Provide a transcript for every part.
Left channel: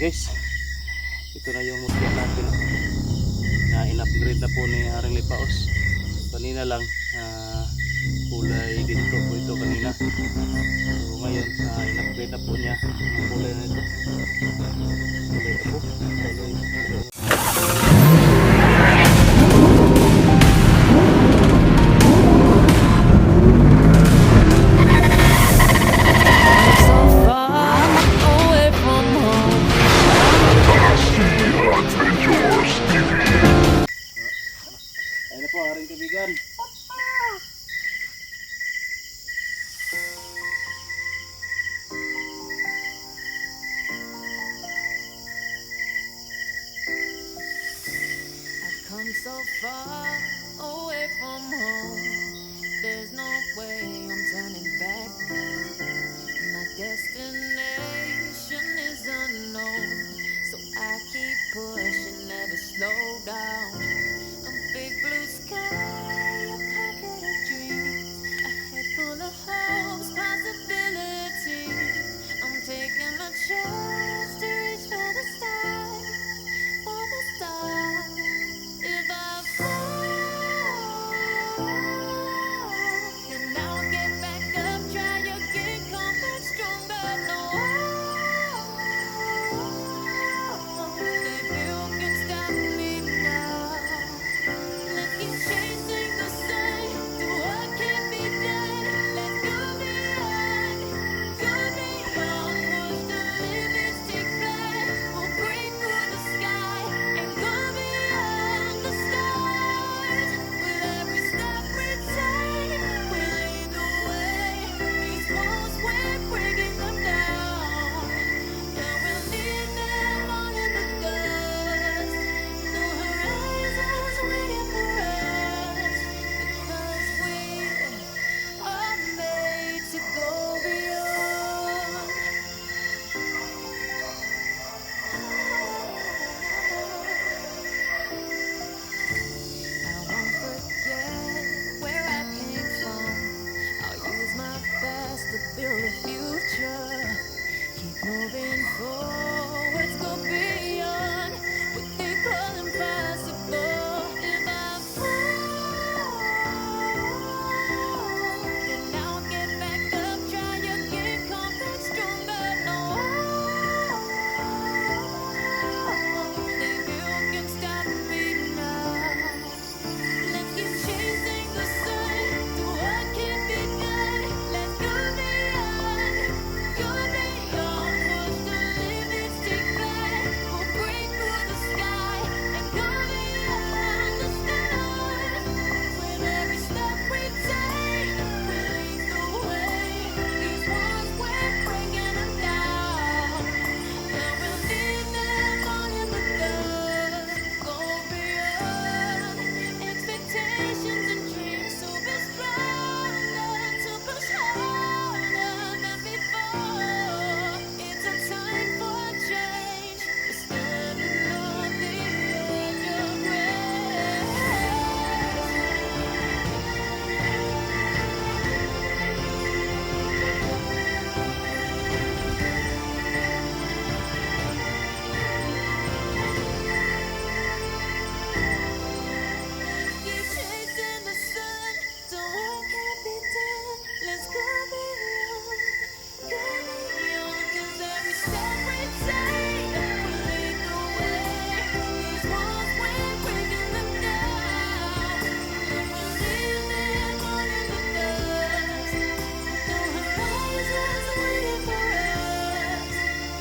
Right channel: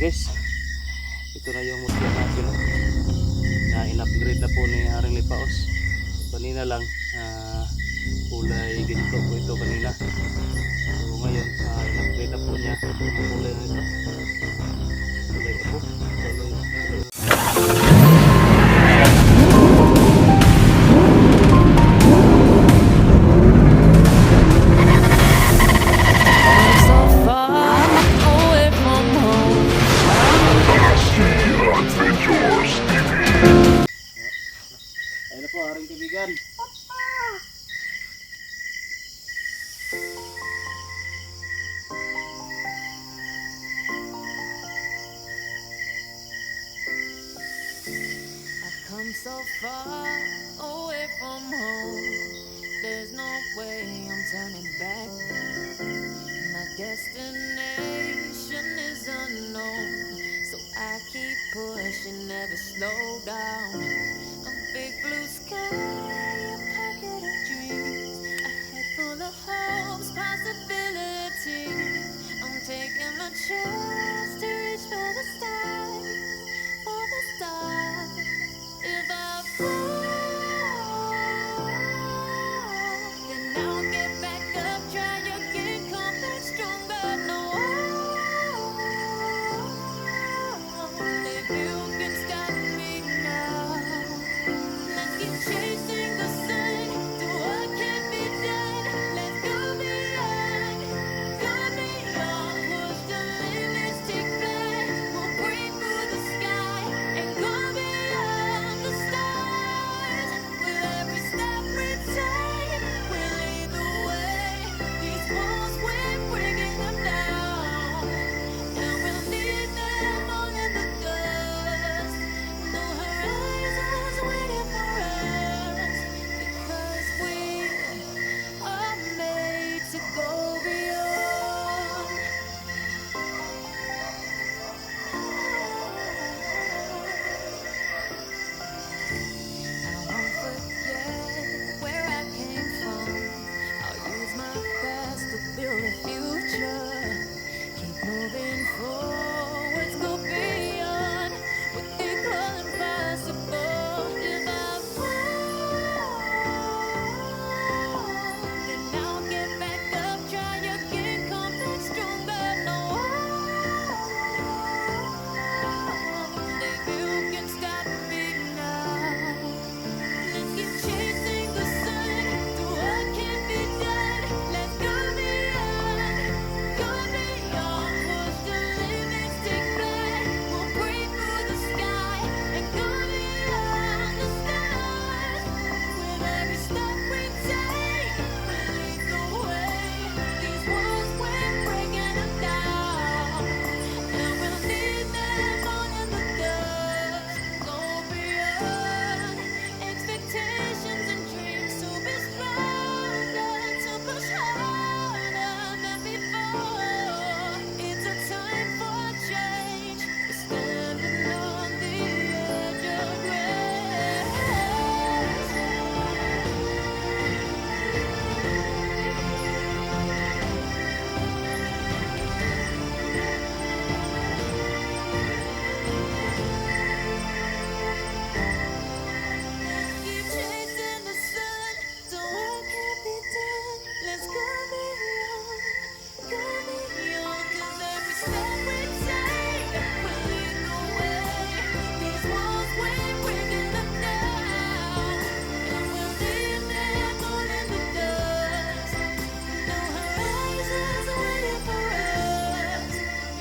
guys, ito na yung mutya natin, no? Na in-upgrade na po ni Haring Lipaos. Kanina lang kulay ginto po ito kanina. So ngayon in-upgrade na po niya ang kulay na ito. Kulay ako. Ayun na po, Haring kaibigan. Come so far away from home. There's no way I'm turning back now. My destination is unknown, so I keep pushing, never slow down. A big blue sky, a pocket of dreams, a head full of hopes, possibilities. I'm taking a chance to reach for the stars, for the stars. If I fall, then I'll get back up, try again, come back stronger. No, baby, you can stop me now. Let's keep chasing the sun, do what can't be done. Let's go beyond, push the limits, take flight. We'll break through the sky and go beyond the stars. With every step we take, we lead the way. These walls, we're breaking them down, and we'll leave them all in the dust. No horizons waiting for us, because we are made to go beyond. I won't forget where I came from. I'll use my best to build a future. Keep moving forwards, go beyond what they call impossible. If I fall, then I'll get back up, try again, come back stronger. No, baby, you can stop me now. Let's keep chasing the sun, do what can't be done. Let's go beyond, push the limits, take flight. We'll break through the sky and go beyond the stars. With every step we take, we lead the way. These walls, we're breaking them down, and we'll leave them all in the dust. Go beyond expectations and dreams, to be stronger, to push harder than before. It's a time for change. We're standing on the edge of grace. Keep chasing the sun, do what can't be done. Let's go beyond, 'cause every step we take will lead the way. These walls, we're breaking them down, and we'll leave them all in the dust. No horizons waiting for us,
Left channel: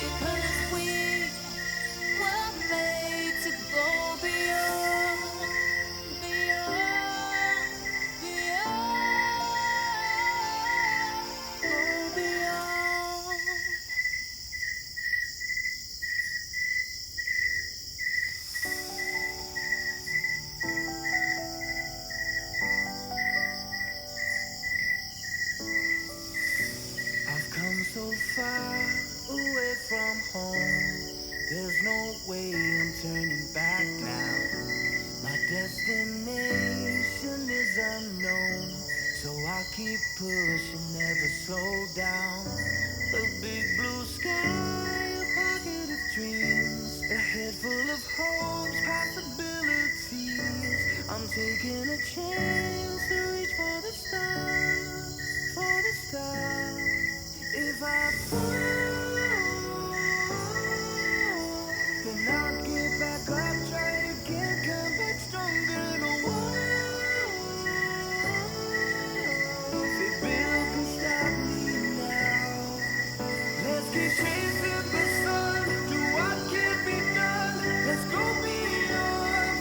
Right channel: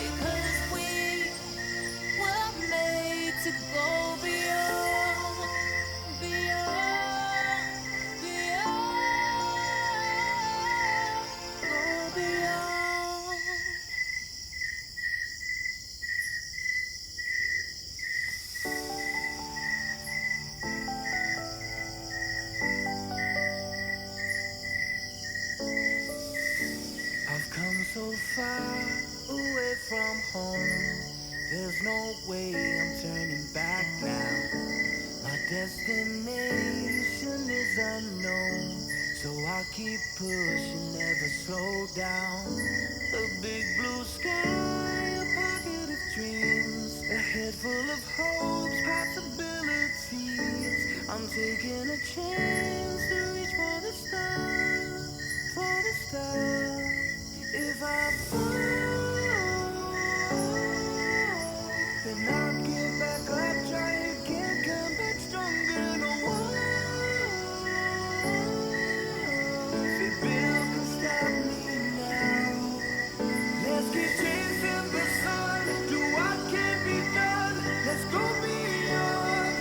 because we were made to go beyond, beyond, go beyond. I've come so far away from home. There's no way I'm turning back now. My destination is unknown, so I'll keep pushing, never slow down. A big blue sky, a pocket of dreams, Head full of hopes, possibilities. I'm taking a chance to reach for the stars, for the stars. If I fall, then I'll get back up, try again, come back stronger. No one, if Bill can stop me now. Let's keep chasing the sun, do what can be done. Let's go beyond,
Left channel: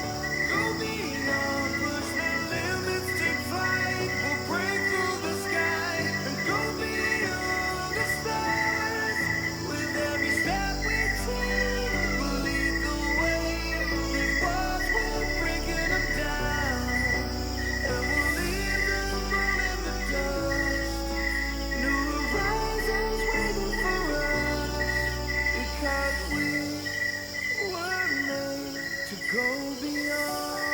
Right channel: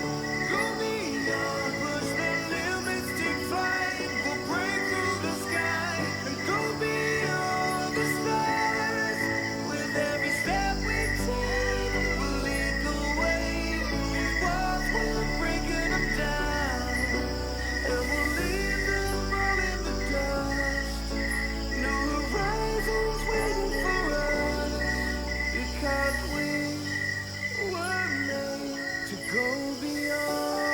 push the limits, take flight. We'll break through the sky and go beyond the stars. With every step we take, we'll lead the way. These walls, we're breaking them down, and we'll leave them all in the dust. New horizons waiting for us, because we were made to go beyond.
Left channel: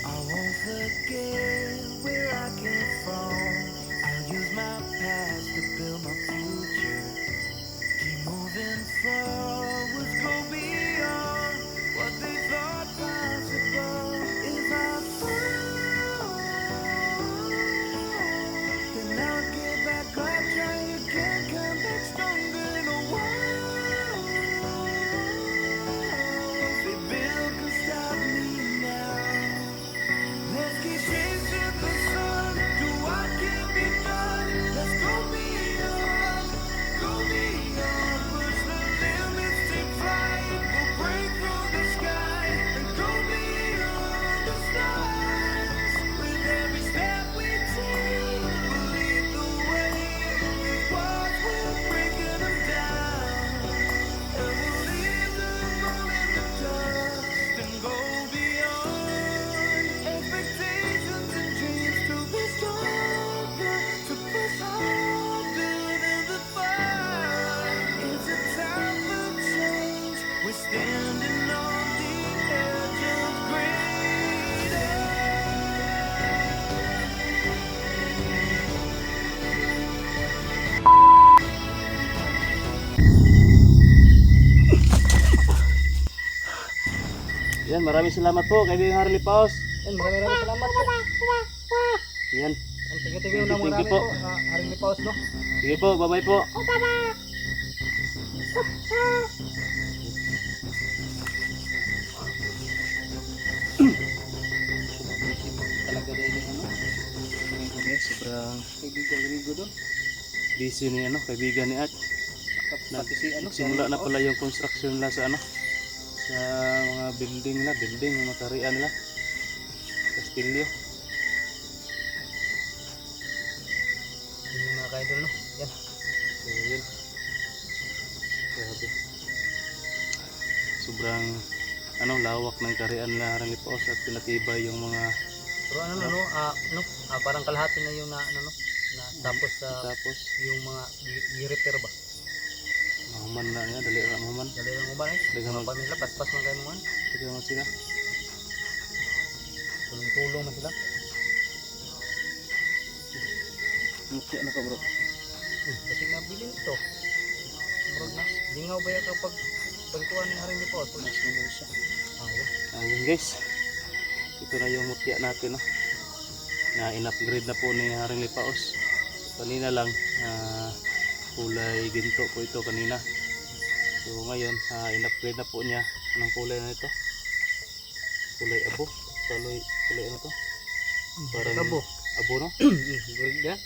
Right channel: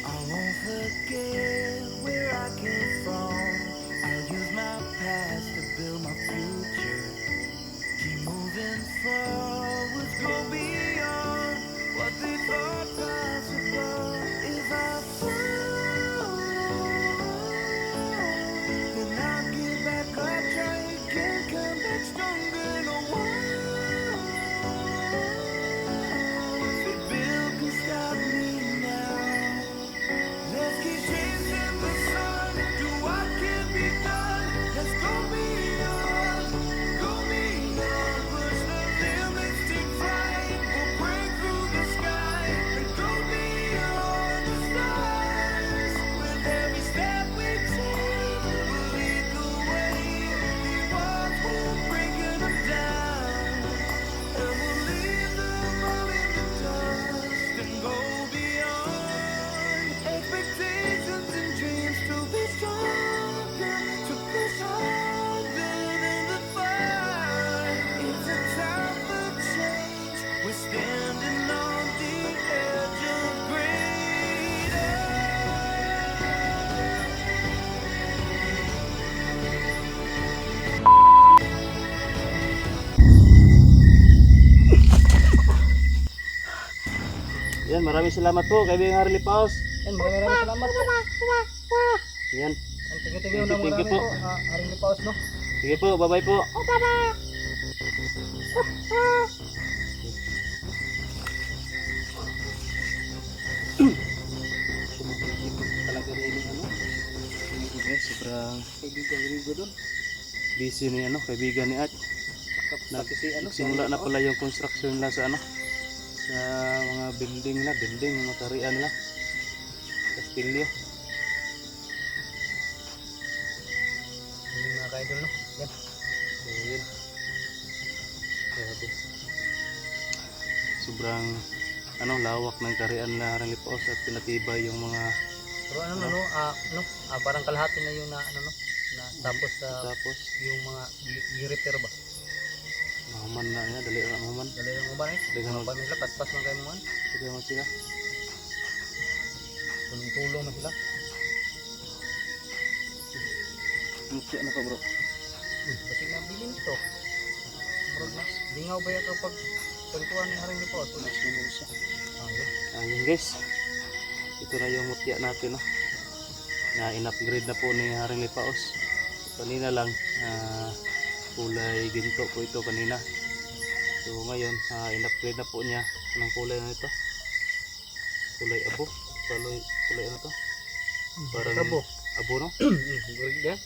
I won't forget where I came from. I'll use my past to build my future. Keep moving forwards, go beyond what they thought possible. If I fall, then I'll get back up, try again, come back stronger. No one, say Bill can stop me now. Let's keep chasing the sun, do what can be done. Let's go beyond, push the limits, take flight. We'll break through the sky and go beyond the stars. With every step we take, we'll lead the way. These walls, we're breaking them down, and we'll leave them all in the dust and go beyond. Expectations and dreams to be stronger, to push harder than the fire. It's a time for change. We're standing on the edge of greater. Yan, maraming salamat po kay Bing Harley Paos. Yan, maraming salamat po. Yan. Tingin-tingin na Thank you marami po. po. Haring Paus, no? Sige po, bye-bye po. Talaga rin yung ano. Okay, sobrang Kaibigan-kaibigan doon. busy ni kaibigan ni Art. Pati si ano. Nagsimula na pala yung construction nila sa sa mga building, yung mga tarian nila. Kastilyo. Yung mga kaidol, no? Yan. So yun. Grabe. Sobrang lawak ng karian na Harang Lipaos at pinatibay yung mga Pero parang kalahati na yung tapos tapos yung mga i-repair ba? mahuman na niya, dali na mahuman. Dali lang mo ba eh? Dali ka Mga pamilya, paspas man kayo mo man. Sige naman sila. Tulong-tulong na sila. Mukya na ka bro. Kasi mabilin ito. Bro, lingaw ba yan kapag pagkuhan ni Haring Lipaos? Mas naman siya. Yun. Ayun guys. Ito na yung mutya natin na in-upgrade na po ni Haring Lipaos. Kanina lang kulay ginto po ito kanina. So ngayon in-upgrade na po niya. Anong kulay na ito? Kulay abo. Kulay ano to? Parang Abo. abo no?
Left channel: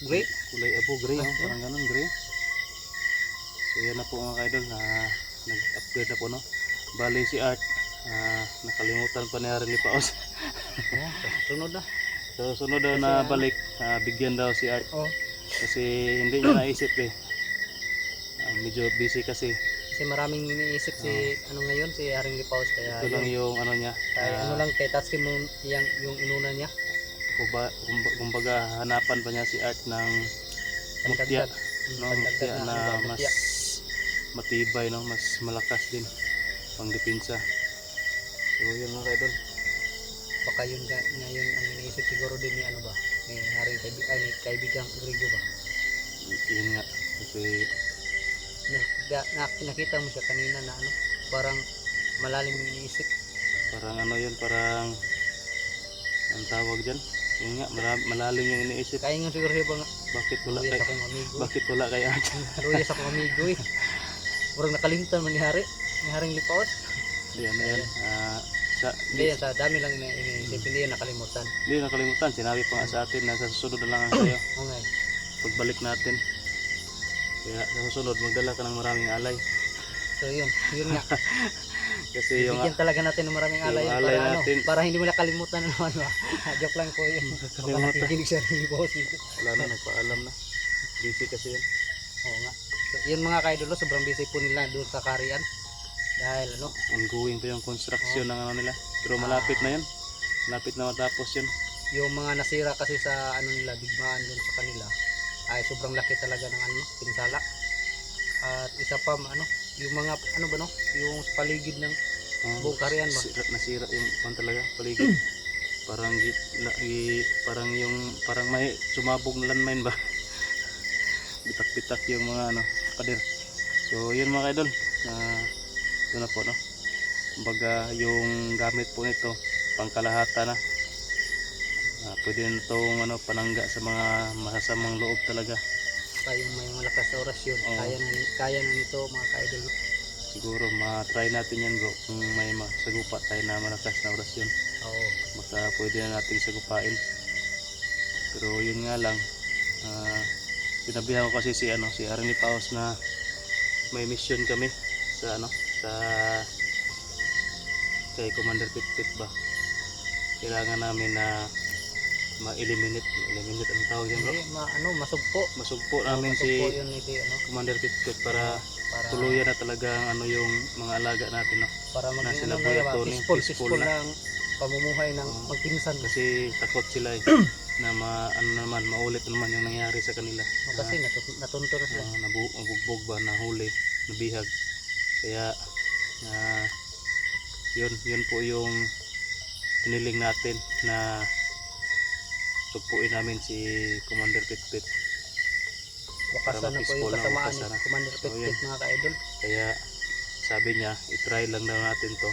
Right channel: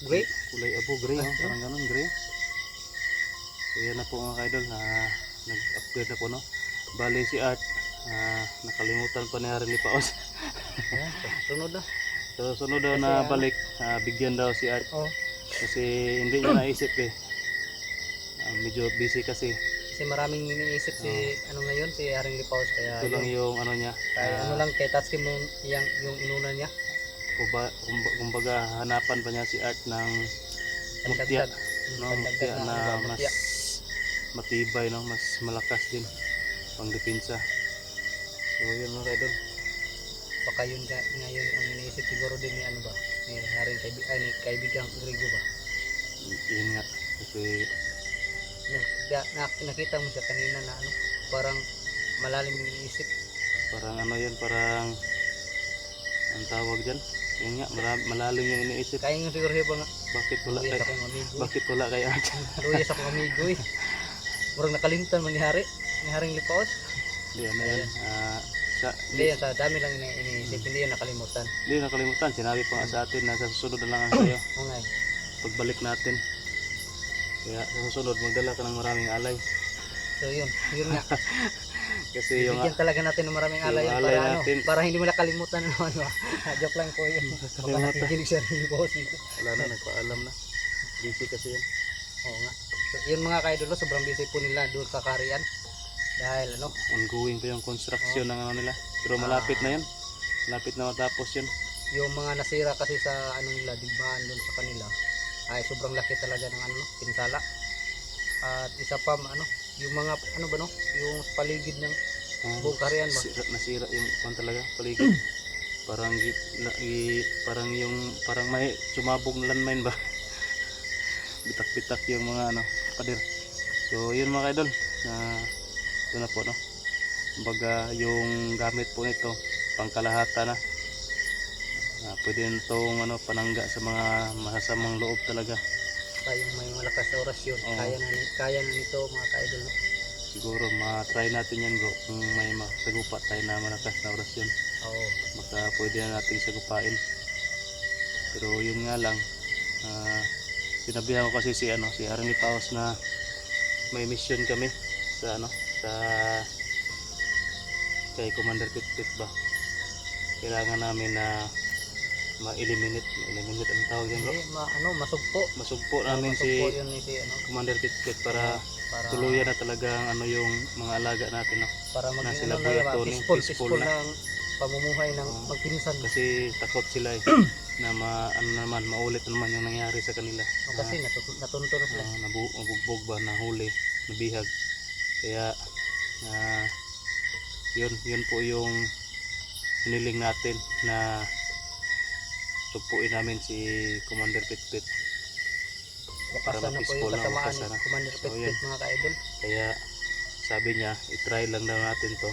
Great. Kulay abo, gray no? Parang ganun, gray. So yan na po mga kaidol, nag-upgrade na po no. Bali si Art, nakalimutan pa ni Haring Lipaos. Sunod na. So sunod daw na balik, bigyan daw si Art. Oh. Kasi hindi niya naisip medyo busy kasi. Kasi maraming iniisip si ngayon si Haring Lipaos kaya Ito lang yung niya. kaya lang kay taskin mo yung inuna niya. Kumbaga hanapan pa niya si Art ng mutya. No, mutya na mas matibay, no, mas malakas din pang depensa. So yun mga kaidol. Baka yun ngayon ang iniisip siguro din ni ano ba Ni Haring kaibigang Grigo ba? Yun nga, kasi Nakita mo siya kanina na ano, parang malalim yung iniisip. parang ano yun, parang ang tawag dyan. Yun nga, malalim yung iniisip. Kaya nga siguro siya ba nga, Bakit wala Ruyas kay akong amigo. bakit wala kay Arjan? Ruyas akong amigo eh. Parang nakalimtan man ni Haring Lipaos. Hindi ano yan. Hindi yan, sa dami lang iniisip, hindi yan nakalimutan. Hindi nakalimutan, sinabi pa nga sa atin na sa susunod na lang ang sayo. Okay. Pagbalik natin. Kaya sa susunod magdala ka ng maraming alay. So yun nga. Kasi yung Bigyan talaga natin ng maraming alay, yung alay para, natin. para hindi mo nakalimutan na naman ba. Joke lang po yun. Baka Nakalimutan. nakikinig siya ng boss dito. Wala na, nagpaalam na. Busy kasi yan. Oo nga. So, yun mga kaidolo, sobrang busy po nila doon sa Karian. Dahil ano, Ongoing pa yung construction ng ano nila. Pero malapit na yan. Malapit na matapos yun. yung mga nasira kasi sa ano nila, digmaan doon sa kanila ay sobrang laki talaga ng ano, pinsala. At isa pa ano, yung mga ano ba no, yung paligid ng buong Karian ba? Nasira yung pan talaga, paligid. Parang parang may sumabog na landmine ba. Bitak-bitak yung mga ano, pader. So yun mga idol, ito na po no. Kumbaga yung gamit po nito pangkalahata na. Pwede na itong ano, panangga sa mga masasamang loob talaga. Kayong may malakas na orasyon, Oo. kaya na nito mga kaidol no? Siguro ma-try natin yan bro, kung may masagupa tayo na malakas na orasyon. Oo. Baka pwede na nating sagupain. Pero yun nga lang, sinabihan ko kasi si Haring Lipaos na may mission kami sa kay Commander Pitpit ba. Kailangan namin na ma-eliminate ang tawag yan bro. Hindi, masugpo. Masugpo namin Masugpo si yun ni si ano, Commander Pitpit para para tuluyan na talaga ang yung mga alaga natin no. para na maging sila ano Buya na ba, Tony, peaceful peaceful na. ng pamumuhay ng Oo. magpinsan. Kasi takot sila na maulit naman yung nangyari sa kanila. Kasi natunto na sila. Nabugbog ba, nahuli, nabihag. Kaya yun po yung hiniling natin na sugpuin namin si Commander Pitpit. para Wakasan na po ma-peaceful yung na, kasamaan wakasan na. ni Commander So, Pitpit yun. mga ka-idol. Kaya sabi niya, itry lang daw natin to.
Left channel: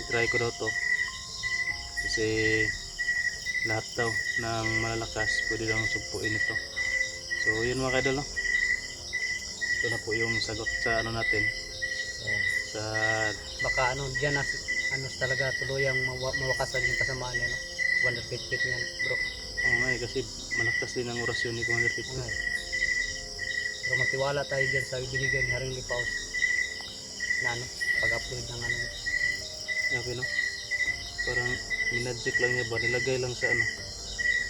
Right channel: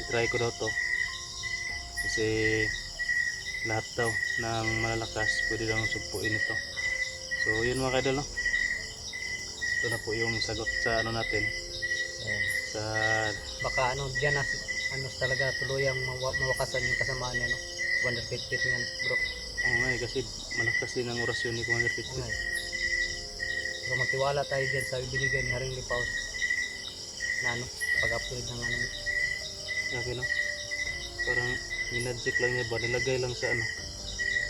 Itry ko daw to. Kasi lahat daw ng malalakas pwede daw sugpuin ito. So yun mga kaidol no? Ito na po yung sagot sa ano natin. Sa Baka diyan na talaga tuluyang mawakasan yung kasamaan niya no. Commander Pitpit niyan bro. kasi malakas din ang orasyon ni Commander Pitpit. Okay. So magtiwala tayo dyan sa binigay ni Haring Lipaos na pag-upload ng Grabe no? Parang minadjek lang niya ba? Nilagay lang sa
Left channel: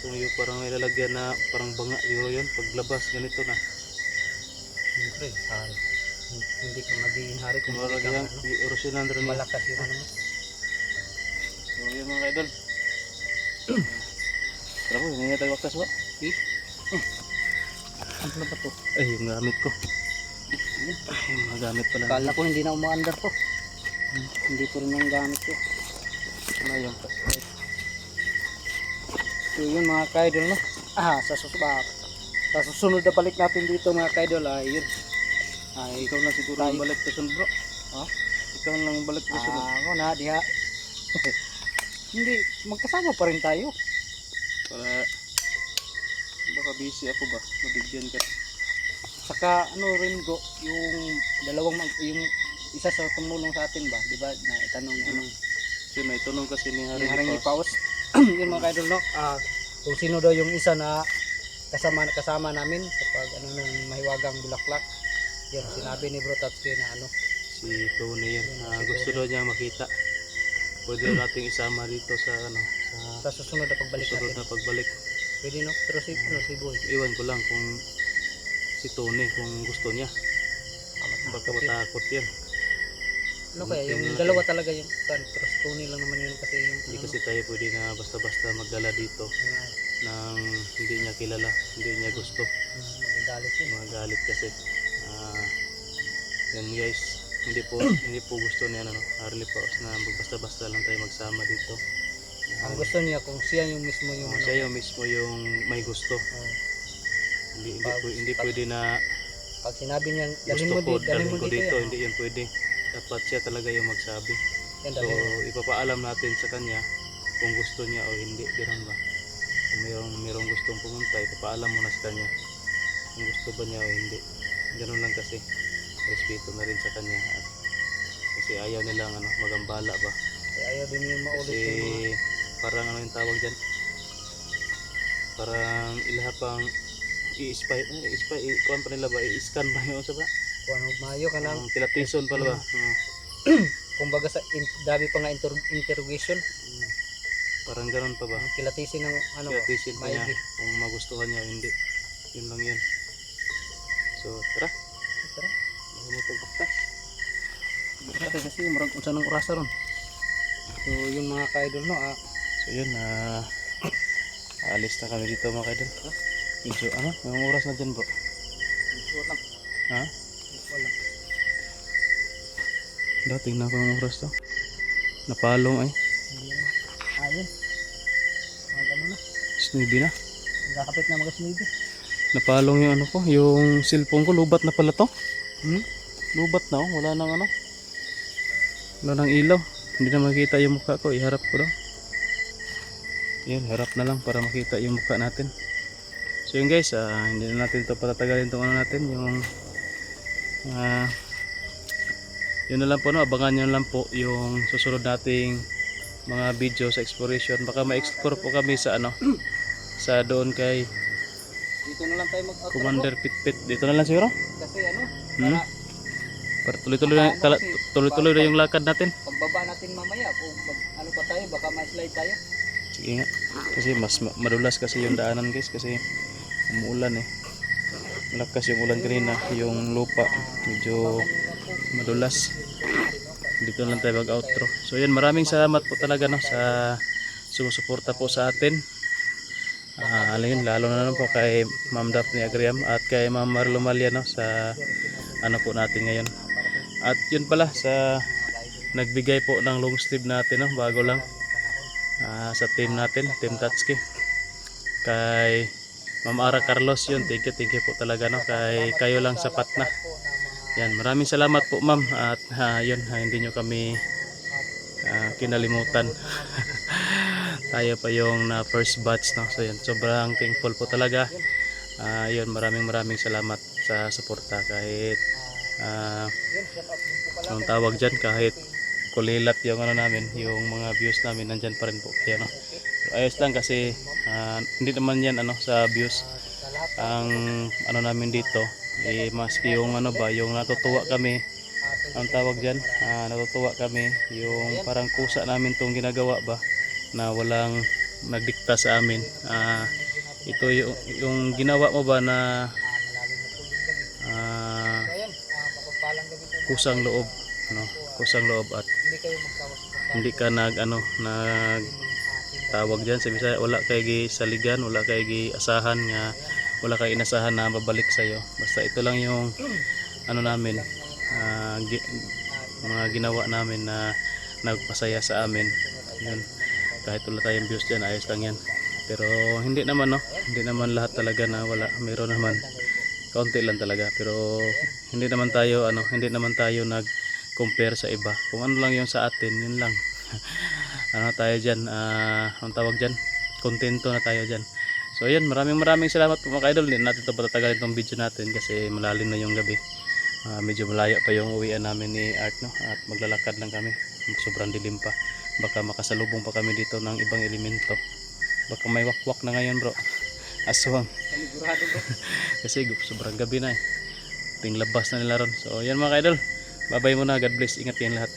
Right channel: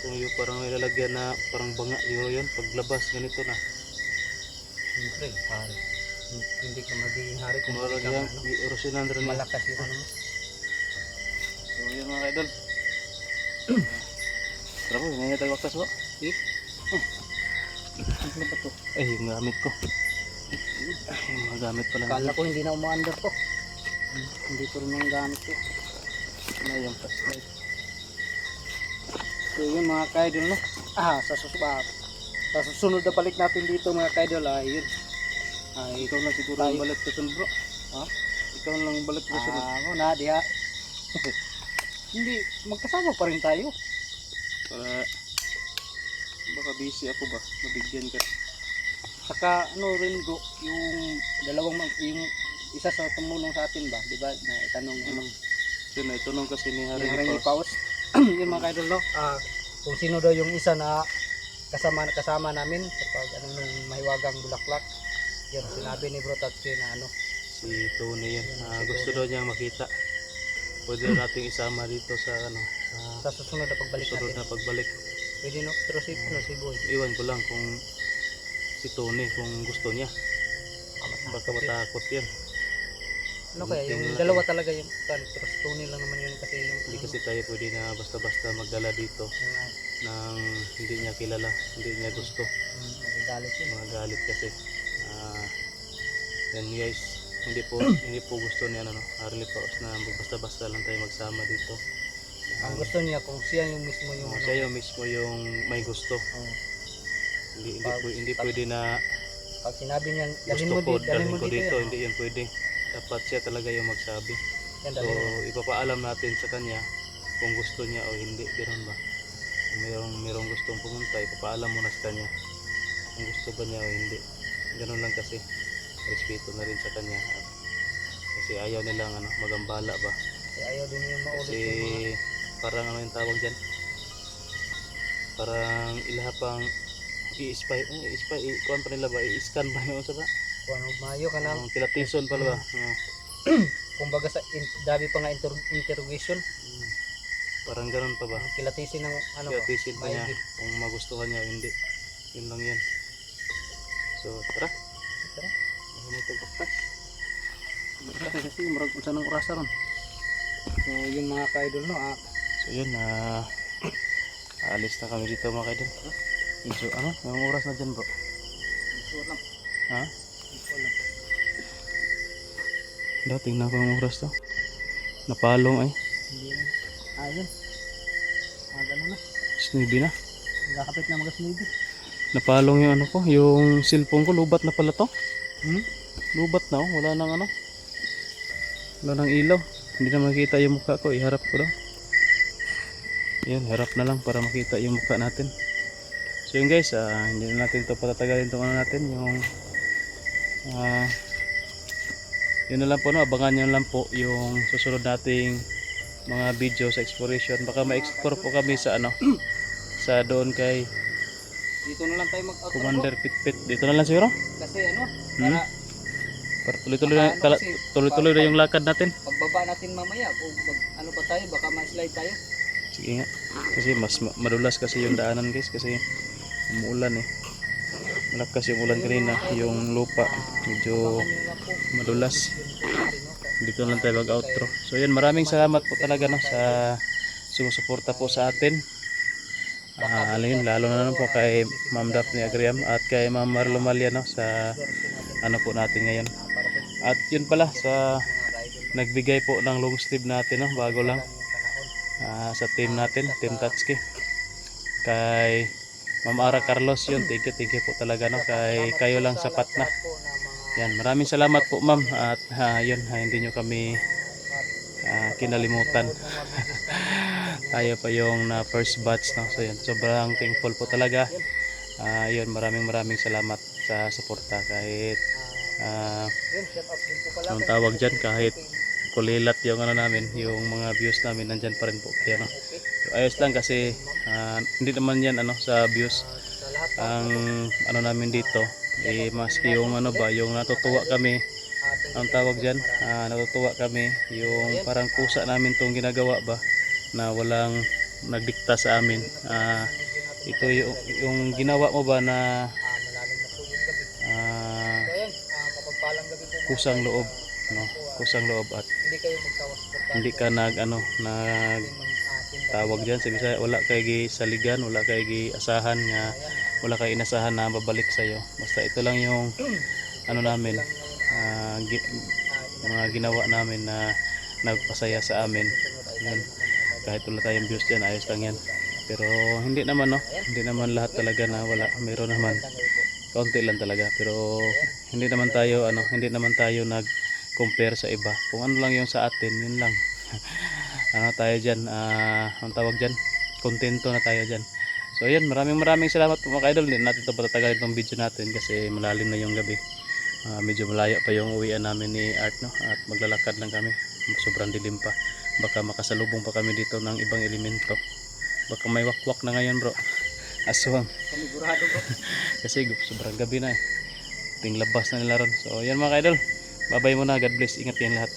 Kung yung parang may lalagyan na parang banga yun. Paglabas ganito na. siyempre hari. Hindi ka magiging hari kung Kung hindi ka malagyan, orasyonan rin niya. malakas yung mo. So yun mga idol. Tara po, hindi tayo waktas ba? Ano ba to? Ay, yung gamit ko. Ay, yung mga gamit pala. Kala ko hindi na umaandar to. Hindi ko rin yung gamit ko. Na yung flashlight. So yun mga kaidol no. Sa susunod na balik natin dito mga kaidol ay yun. Ay Ikaw na siguro yung balik sa bro. Ha? Ikaw lang yung balik sa sunod. Ako na diha. Hindi, magkasama pa rin tayo. Para baka busy ako ba? Mabigyan ka. Saka rin go, yung yung isa sa tumulong sa atin ba, di ba? Na itanong Yun na, itunong kasi ni ni Haring Haring Lipaos. Lipaos. Yun mga kaidol no. Kung sino daw yung isa na kasama namin sa pag ng mahiwagang bulaklak. Yan sinabi ni Bro Tatsuki na Si Tony yan. Gusto daw niya makita. Pwede nating isama dito sa sa susunod na pagbalik susunod natin. na pagbalik. Pwede no, pero si Boy. Iwan ko lang kung si Tony kung gusto niya. Baka matakot yan. Kaya yung dalawa talaga yung pero si Tony lang naman yun kasi yung Hindi kasi tayo pwede na basta-basta magdala dito nang hindi niya kilala, hindi niya gusto. magagalit yun. Magalit kasi. Yan guys, hindi po gusto niya Haring Lipaos na basta-basta lang tayo magsama dito. Ang gusto niya kung siya yung mismo yung Siya yung mismo yung may gusto. oh, Hindi pwede na pag sinabi niya gusto ko, dalhin ko dito, yan. hindi yun pwede. Dapat siya talaga yung magsabi. Yan, So, dalhin mo. ipapaalam natin sa kanya kung gusto niya o hindi. Ganun ba? Kung mayroong gustong pumunta, ipapaalam mo na sa kanya kung gusto ba niya o hindi. Ganun lang kasi. Respeto na rin sa kanya. At kasi ayaw nilang magambala ba. Kaya ayaw din yung maulit Kasi parang ano yung tawag dyan? Parang ilahapang kuhan pa nila ba? I-scan ba yun sa ba? kung mayo ka lang. Pilatison pala ba? Kumbaga sa dami pa nga interrogation, Parang ganun pa ba? kilatisin ng ano ba, Pilatisin pa niya maigi. kung magustuhan niya o hindi. Yun lang yan. So tara. Tara. Mahimutog baktas. Kasi marag kung saan ang orasa ron. So yun mga ka-idol no, So yun, aalis na kami dito mga kaidol. Medyo yung oras na dyan bro? ito lang. Ha? Ito lang. Tingnan ko yung oras to. Napalong ay. Hindi na. Ayun. Ano na. Snibi na. Nakakapit na mag-snide. Napalong yung ko, yung cellphone ko, lubat na pala to. Hmm? Lubat na wala nang wala nang ilaw. Hindi na makita yung mukha ko, iharap ko lang. Yan, harap na lang para makita yung mukha natin. So yun guys, hindi na natin ito patatagalin itong natin, yung yun na lang po abangan nyo lang po yung susunod nating mga video sa exploration. Baka ma-explore po kami sa sa doon kay Dito na lang tayo mag-out. Commander Pitpit. Dito na lang siguro. Kasi Hmm? Para tuloy-tuloy na yung lakad natin. pagbaba natin mamaya, kung ba tayo, baka ma-slide tayo. Sige nga. Kasi mas madulas kasi yung daanan guys, kasi umuulan malakas yung ulan kanina, yung lupa medyo madulas. Dito lang tayo mag-outro. So yan, maraming salamat po talaga sa sumusuporta po sa atin. Lalo na po kay Ma'am Daphne Agriam at kay Ma'am Marlo Malia sa po natin ngayon. At yun pala sa nagbigay po ng long sleeve natin bago lang sa team natin, Team Tatsuki. Kay Ma'am Ara Carlos yun, thank you po talaga kay kayo lang sapat na. Yan, maraming salamat po ma'am at yun, hindi nyo kami kinalimutan. Tayo pa yung na first batch so yan, sobrang thankful po talaga. Yun, maraming salamat sa suporta kahit anong tawag dyan, kahit kulilat yung namin, yung mga views namin, nandyan pa rin po kayo Pero ayos lang kasi hindi naman yan sa views ang namin dito, maski yung yung natutuwa kami, ang tawag dyan, natutuwa kami yung parang kusa namin tong ginagawa ba na walang nagdikta sa amin. Ito yung ginawa mo ba na kusang loob, kusang loob at hindi ka nag tawag diyan sa Bisaya, wala kay gisaligan, wala kay giasahan nga, wala kay inasahan na babalik sa iyo. Basta ito lang yung namin, mga ginawa namin na nagpasaya sa amin. Yun, kahit wala tayong views diyan, ayos lang yan. Pero hindi naman hindi naman lahat talaga na wala, meron naman kaunti lang talaga, pero hindi naman tayo nag compare sa iba. Kung ano lang yung sa atin, yun lang. Tayo diyan, ang tawag diyan, kontento na tayo diyan. So ayan, maraming salamat po mga idol. Hindi natin ito patatagalin itong video natin kasi malalim na yung gabi. Medyo malayo pa yung uwian namin ni Art at maglalakad lang kami. Sobrang dilim pa. Baka makasalubong pa kami dito ng ibang elemento. Baka may wakwak na ngayon bro. Aswang. Sigurado bro. Kasi sobrang gabi na Ting labas na nila ron. So yan mga idol. Bye bye muna. God bless. Ingat kayong lahat.